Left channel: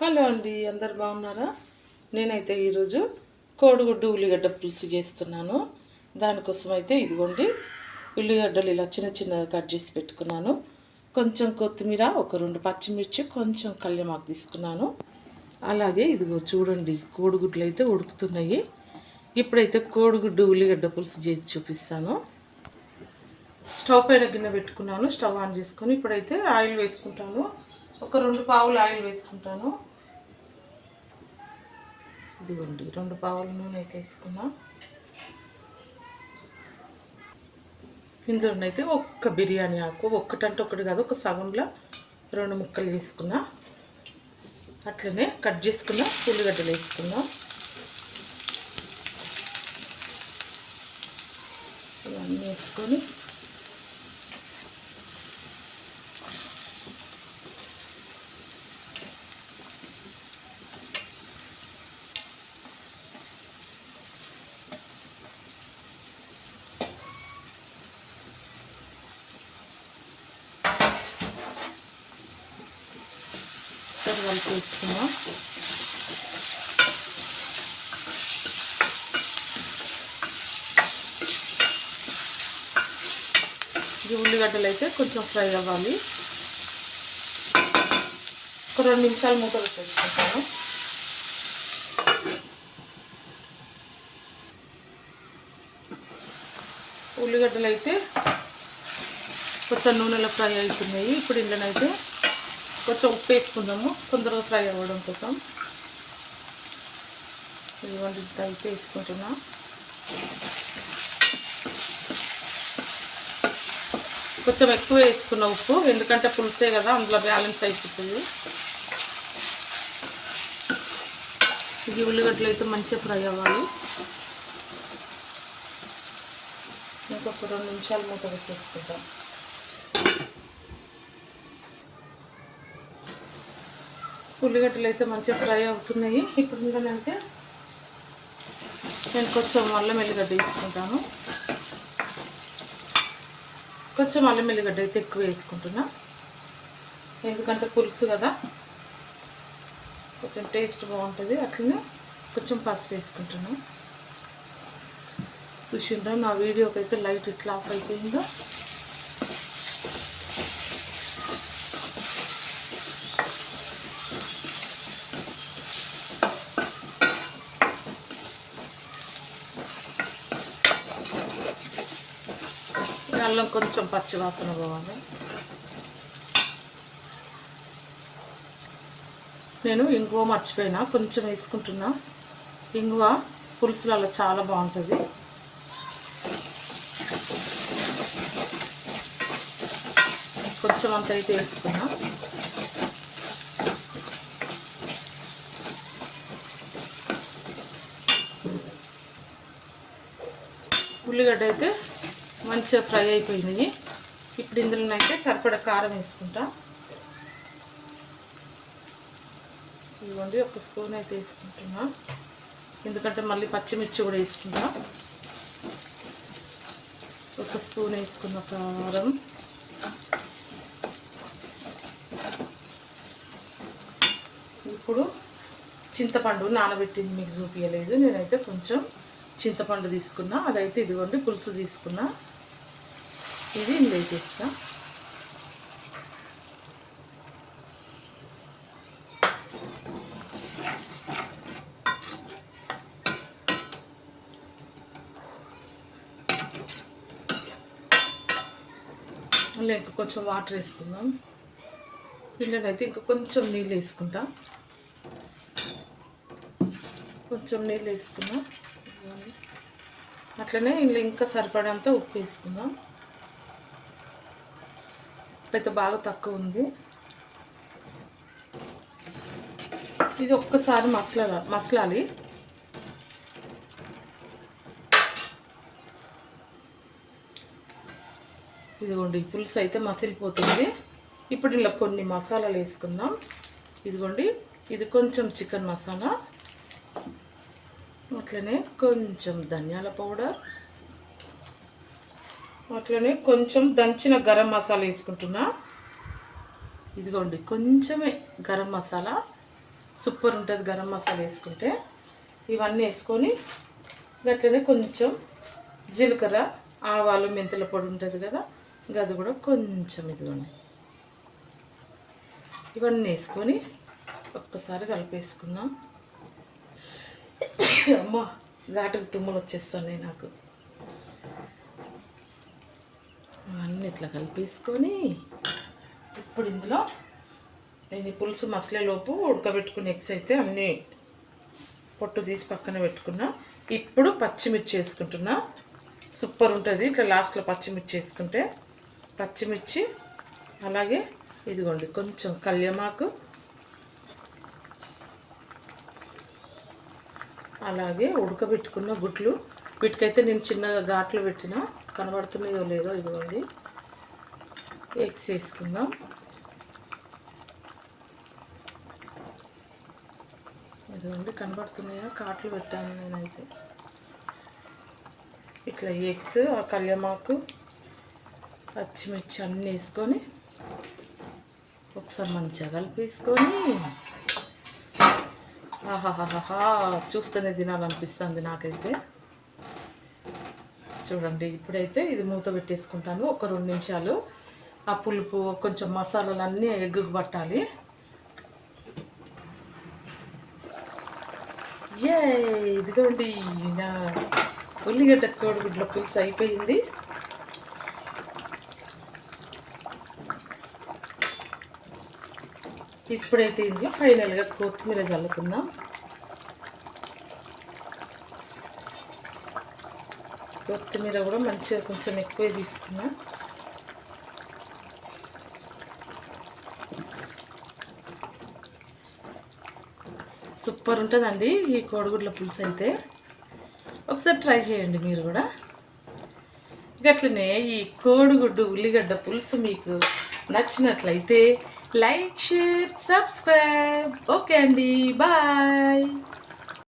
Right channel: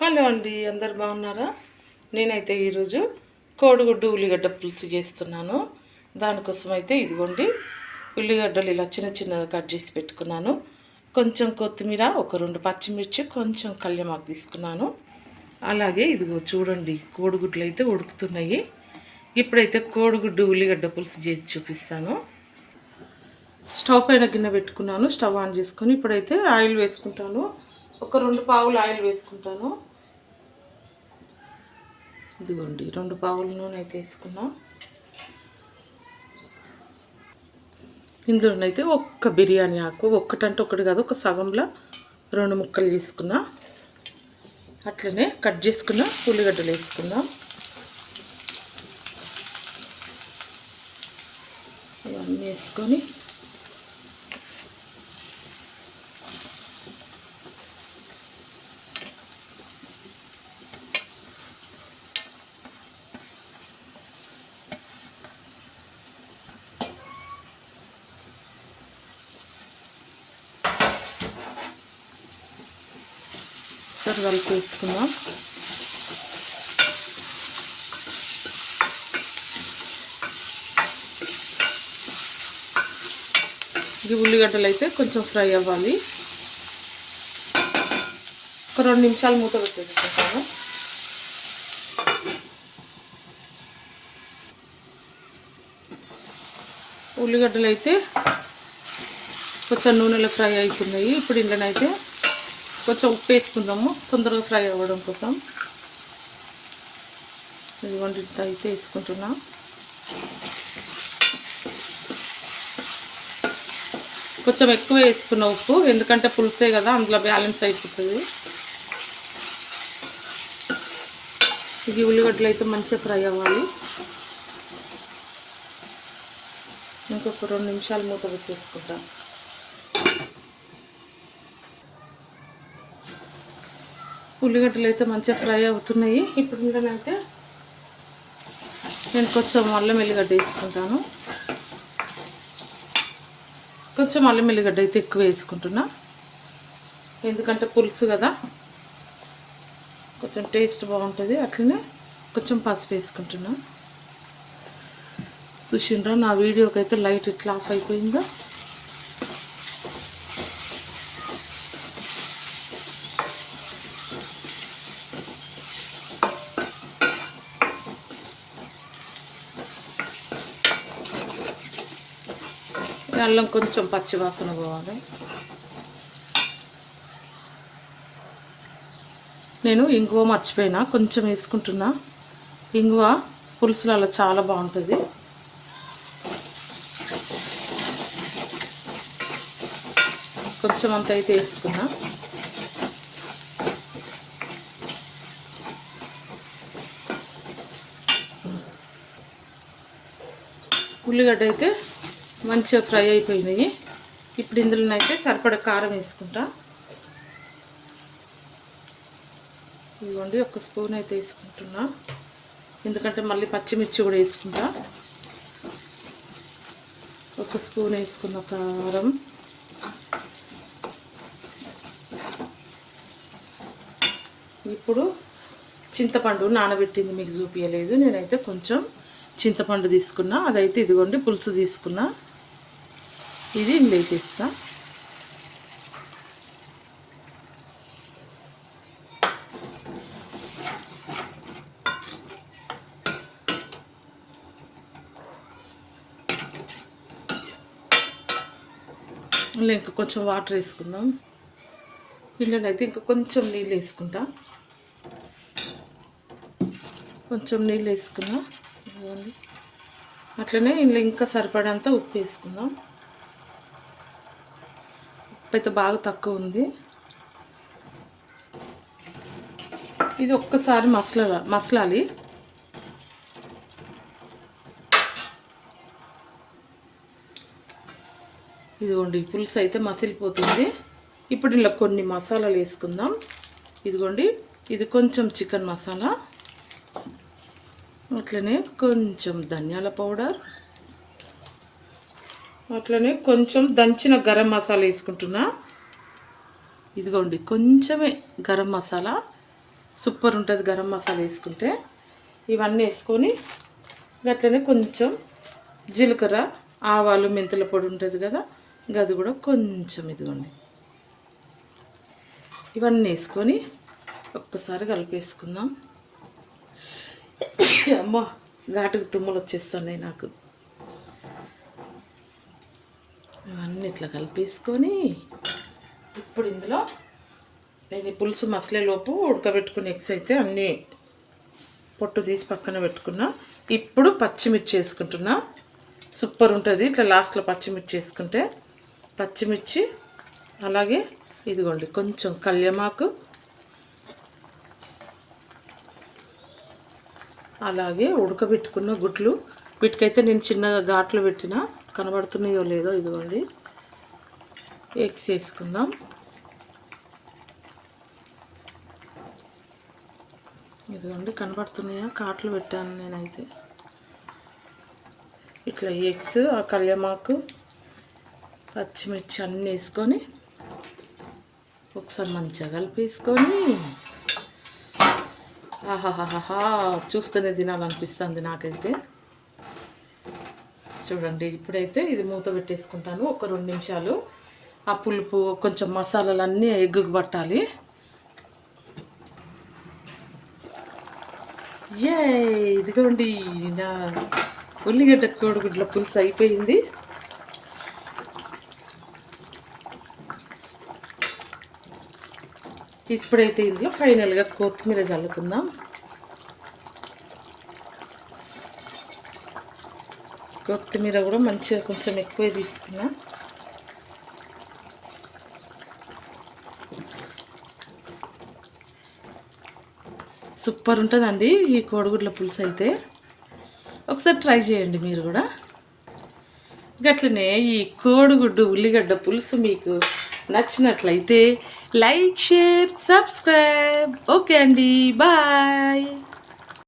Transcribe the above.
Hello అండి అందరు బాగున్నారా? నేనైతే ఈరోజు కోడిగుడ్డు ఉల్లిగడ్డ పులుసు చేస్తున్నాను. దానికోసం అయితే ఇదిగోండి ఉల్లిగడ్డలు ఇలా చిన్న చిన్నగా కట్ చేసి పెట్టుకున్నాను. కొంచెం కొత్తిమీర ఒక రెండు పచ్చిమిర్చి కొంచెం కళ్యమాకు తీసుకున్నాను. అలాగే ఇదిగో చూడండి కోడిగుడ్లు అయితే ఉడుకుతున్నాయి. ఇప్పుడైతే కోడిగుడ్డు ఉల్లిగడ్డ పులుసు చేసి చూపిస్తాను. స్టవ్ పైన గిన్నె పెట్టుకున్నాను స్టవ్ ఆన్ చేసుకొని ఇప్పుడైతే ఆయిల్ వేసుకుంటాను. ఒక రెండు పావులు ఆయిల్ వేసుకుంటాను. ఇదిగోండి రెండు పావుల నూనె అయితే వేసుకున్నా. ఇందులోనైతే ఒక్క బిర్యానీ ఆకు ఒక్కటంటే ఒకటి కాదు ఒక సగంలో రెండు ముక్కలు తీసుకున్నా అట్లనే కట్ చేసుకున్న ఉల్లిగడ్డలు వేసుకున్నాం. ఇవన్నీ వేసుకొని ఒకసారి వరకు వేసుకున్నాం ఈ ఉల్లిగడ్డలు అయితే కొంచెం ఫ్రై అవ్వాలి. ఒక రెండు నిమిషాలు మూత పెట్టేసుకుంటాను. ఉల్లిగడ్డలు అయితే కొంచెం నూనెలో ఫ్రై అవుతున్నాయి. ఇప్పుడు ఇంట్లోనైతే కొంచెం ఉప్పు వేసుకుందాము. తొందరగా ఫ్రై అవ్వడం కోసం. ఇదిగోండి ఇంత అయితే వేసుకుంటున్నాం. కొంచెం ఎక్కువ వేసుకున్న ఉప్పు ఎందుకంటే పులిసే కదా అందులో బ్యాలెన్స్ అయిపోతుంది. ఇది ఉల్లిగడ్డలు అయితే మంచిగా ఫ్రై అవ్వాలి. ఇంకొక రెండు నిమిషాలు మూత పెట్టేసుకుంటాం. ఉల్లిగడ్డలు అయితే మంచిగా ఫ్రై అవుతున్నాయి. ఇప్పుడు మీరైతే నేను కొంచెం అల్లం ఎల్లిగడ్డ వేసుకుంటాను. కొంచెం అల్లం ఎల్లిగడ్డ అయితే ఎక్కువ వేసుకుంటున్నా. ఎందుకంటే పులుసు కదా. కొంచెం టేస్ట్ బాగుంటుంది. అట్లనే కొంచెం పసుపు వేసుకుంటున్నాను సుషిండ్రా నా వీడియోకి అయితే లైట్ ఇట్లా ఆఫ్ అయిపోయిందో? అల్లం కొంచెం పచ్చి వాసన పోవాలి. నేను ఇంగువ మర్చిపోయినా కొంచెం వేసుకుంటున్నా. ఇంగువ పులుసులలో చాలా బాగుంటుంది. కొంచెం అంత అయితే వేసుకున్నా. ఉల్లిగడ్డ అయితే మంచిగా ఫ్రై అయిపోయినాయి. ఇప్పుడు ఇందులోనైతే సరిపడా కారం వేసుకుంటా. ఇవ్వండి ఒక స్పూన్ అయితే వేసుకుంటున్నా. ఎందుకంటే మళ్ళీ పచ్చిమిర్చి కూడా వేసుకుంటా. ఒక స్పూన్ వేసుకున్న కారం. ఇప్పుడు చింతపండు నానబెట్టింది మీకు చూపించలేదు నేనైతే కొంచెం చింతపండు తీసుకున్నా. అదైతే ఇదిగోండి పులుసు తీసుకున్నా. ఇది వేసేస్తా ఇలా ఇంకా కొంచెం వాటర్ వేసుకుందాం. అయితే ఇంకా కొంచెం నీళ్ళు వేసుకుంటా. కొంచెం నీళ్ళు వేసుకున్నా. అట్లనే ఇందులో ఇంకా సరిపడంత ఉప్పు వేసుకుందాం. ఉప్పు బాగా తక్కువ ఉంది. ఇది ఒక్కసారి మసల మసలాలి. ఇదిగోండి పులుసు అయితే మసిలిపోతుంది. ఇప్పుడు ఇలా కొన్ని మసాలాలు వేసుకుందాం. ఇదిగోండి ఇది కొంచెం చికెన్ మసాలా. అట్లనే కొంచెం ధనియాల పౌడర్. అట్లనే కొంచెం దంచిన గరం మసాలా వేసుకుంటున్నా. ఇదిగోండి కొంచెమే గరం మసాలా. సూపర్ ఉంటుంది గరం మసాలా వేసుకుంటే. ఇవన్నీ వేసుకొని అట్లనే కొంచెం జీలకర్ర ఆవాలు మెంతుల పొడి ఉంటుంది కదా గది కూడా కొంచెం ఇదిగోండి. ఇవన్నీ వేసుకొని ఒక్కసారి కలిపేసుకుందాం. అమ్మ ఘాటుకు తుమ్ములు వచ్చేస్తున్నాయి నాకు. ఇవన్నీ ఇట్లా కలిపేసుకొని ఇప్పుడు ఇందులో నేను ఈ పులుసు మసలేలోపు ఉడకబెట్టుకుని ఎగ్స్ అయితే అన్నీ పొట్టు తీసి పక్కన పెట్టుకున్నా. ఇప్పుడు పచ్చిమిర్చి వేసుకుంటున్నా. సూపర్ ఉంటుంది. ఇట్లా లాస్ట్లో పచ్చిమిర్చి వేసుకుంటే పచ్చిమిర్చి అలాగే ఇదిగోండి కొంచెం కళ్యమాకు అలాగే ఉడకబెట్టుకున్న గుడ్లు. వీటికైతే నేను చిన్నగా ఘాట్లు పెట్టిన. కనబడుతున్నాయో లేదో ఇదిగోండి. ఎగ్స్ వేసుకుందాం. ఇదిగోండి కనబడుతున్నాయా? కాట్లు పెట్టాను నేనైతే. ఇట్లా ఎగ్స్ ఆ కళ్యమాకు పచ్చిమిర్చి అన్నీ వేసుకొని ఒకసారి మంచిగా కలిపేసుకొని ఆహాహాహా చూస్తూనే తినాలనిపిస్తుంది నాకైతే. చూడండి ఇప్పుడైతే ఇది మూత పెట్టేసుకుంటాను ఒక రెండు నిమిషాలు. ఆ పులుపు కొంచెం మసాలాలు అన్నీ ఎగ్గుకు పట్టాలి. ఏ ఇదిగోండి నా ఉల్లిగడ్డ కోడిగుడ్ల పులుసు అయిపోయింది. ఇప్పుడైతే ఇందులో ఫైనల్గా కొత్తిమీర చల్లుకుందాం. కొత్తిమీర కూడా మంచిగా కొంచెం ఎక్కువే తీసుకున్నా. సూపర్ ఉంటుందండి ఈ కోడిగుడ్ల పులుసు అయితే. ఒకసారి ట్రై చేయండి మీరు కూడా. గట్లనే ఈ కోడిగుడ్డు ఉల్లిగడ్డ పులుసు మీకు నచ్చినట్లయితే లైక్ షేర్ సబ్స్క్రైబ్. ఓకే అండి బాయ్.